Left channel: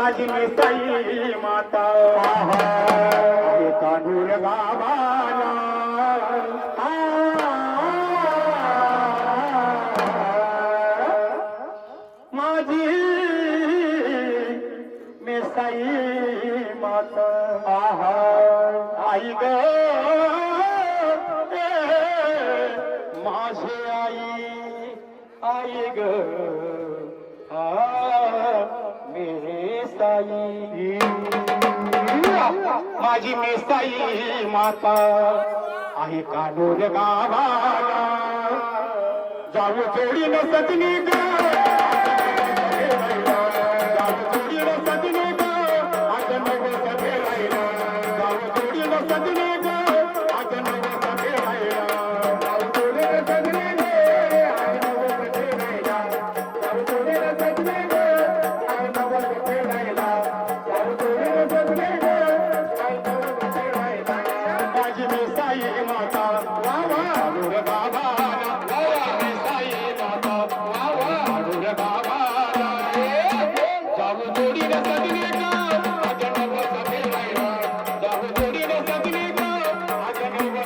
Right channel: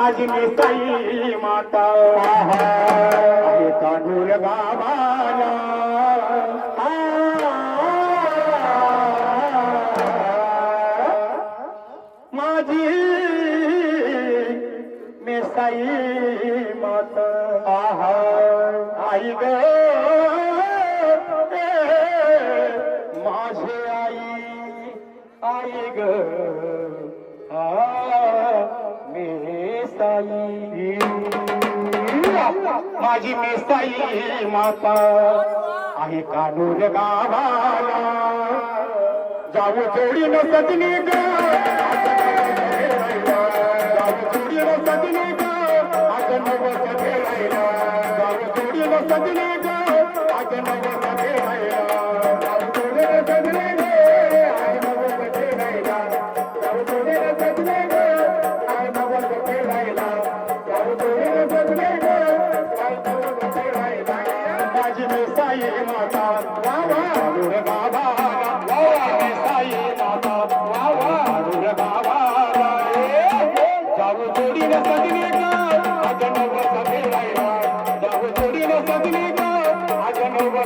माझी मी साई माता तांडूळ गावाला माझी मी साई माता आई गे माझे आई आई ग. ही माता. आहे कानूर गावाला जाऊ जोडीने सजली गा.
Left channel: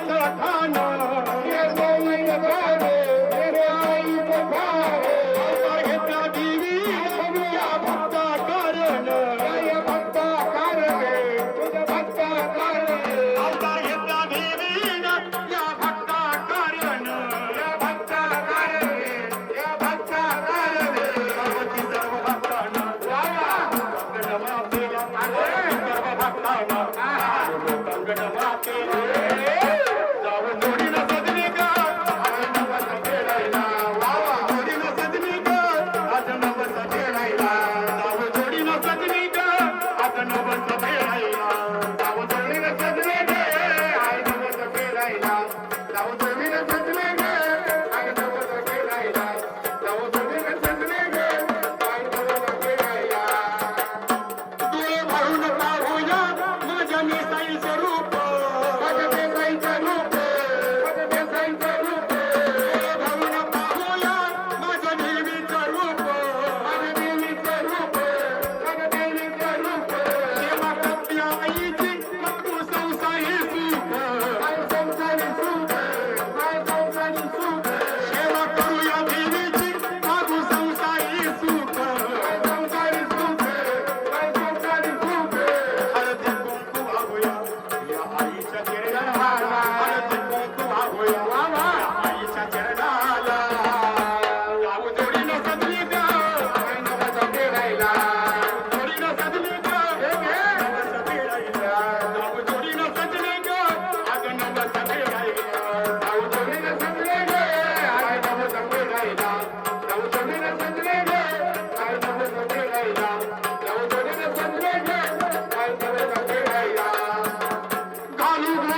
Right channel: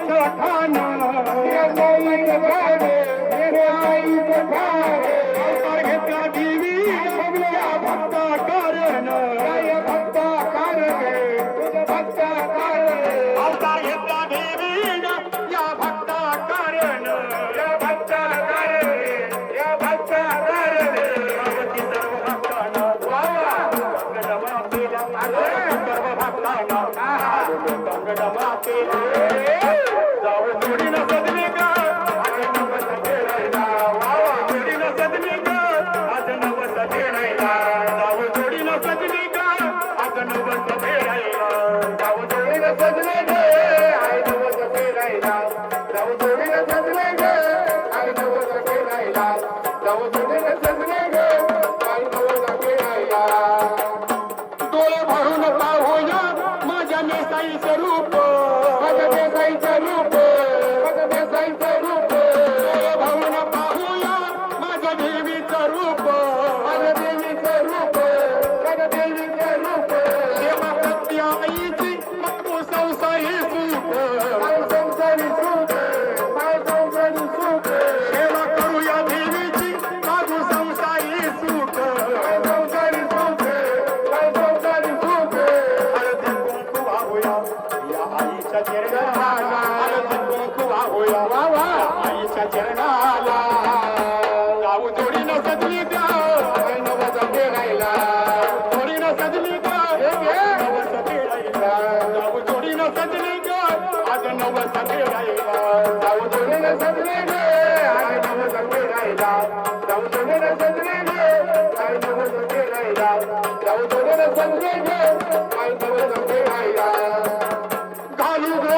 কথা না no, no, no, no, no,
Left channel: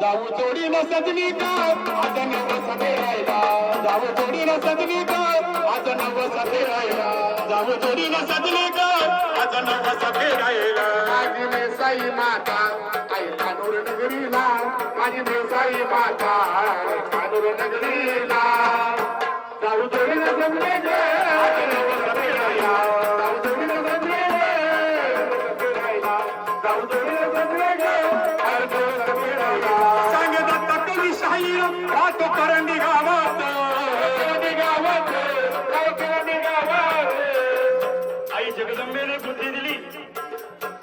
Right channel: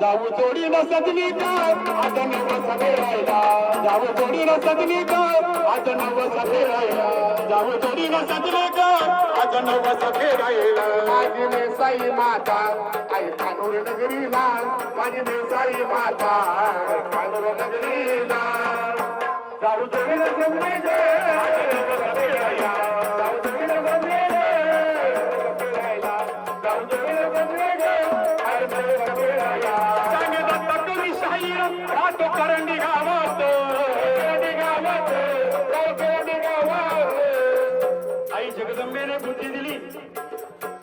जाऊ जोडी न सजनी का आज नव जाऊ जोडी न सजनी का आज नव सफेरायला जाऊ जोडी न सजनी का आज नव माता आई कानूर नगरीला. माझी माता कानूर जाऊ करंडी गावात करंडी गावात करंडी गावात आई जगदंबेने बुद्धी दिली.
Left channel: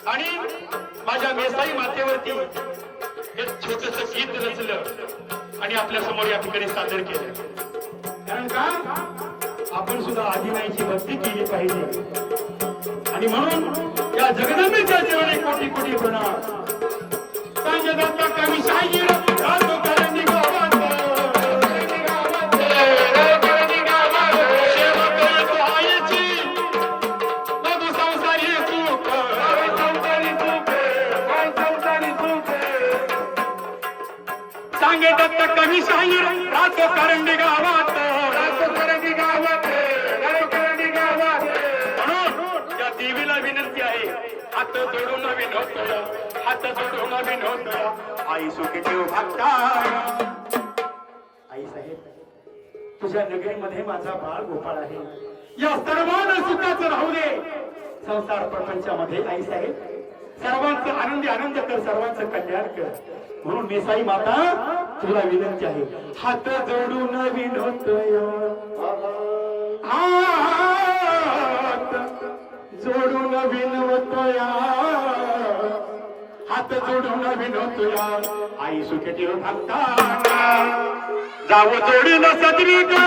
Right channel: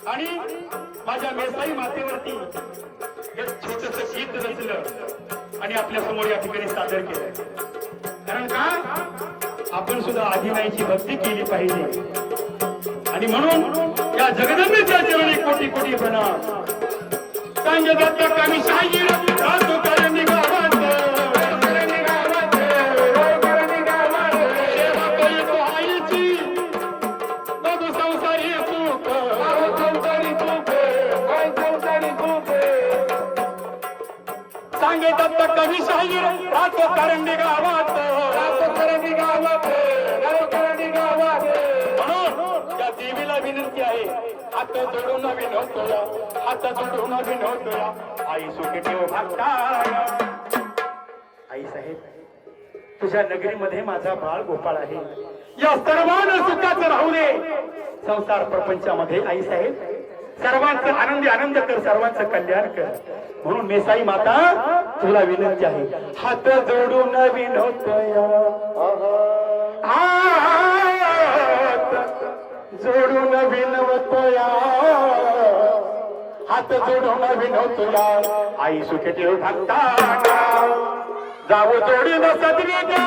आणि माझ्या मेसाई मातेवरती एक छोटस गीत रचलं आणि आपल्यासमोर या ठिकाणी सादर केलं. कारण का? आपण सुद्धा आदिनाईची भक्ती केली पाहिजे. आणि म्हणून या जगदंबेच्या चरणी कोटी कोटी प्रणाम. सांगे दत्ता कवी शाहीर सांगे दत्त कवी शाहीर रातो करंडी गावात करंडी गावात करंडी गावात म्हणून या देवीला विनंती आहे हात जोडून विनवतोय हात जोडून विनवतोय आई सुखी ठेव भक्ता। आई साहेब तुझ्या नगरीमध्ये माझा बाळ गोपाळ आहे. या सर्वांना सुखाचं राहू दे. संसार प्रपंचामध्ये आई साहेब सर्वांचं आनंदी आनंद कर सर्वांचं कल्याण कर. म्हणून मेसाई माता तुला विनंती आहे. हात जोडून विनवतोय हात जोडून विनवतया हात जोडून विनवतया आई सुखी ठेव जाऊ जावं जोडीन सदरी ग.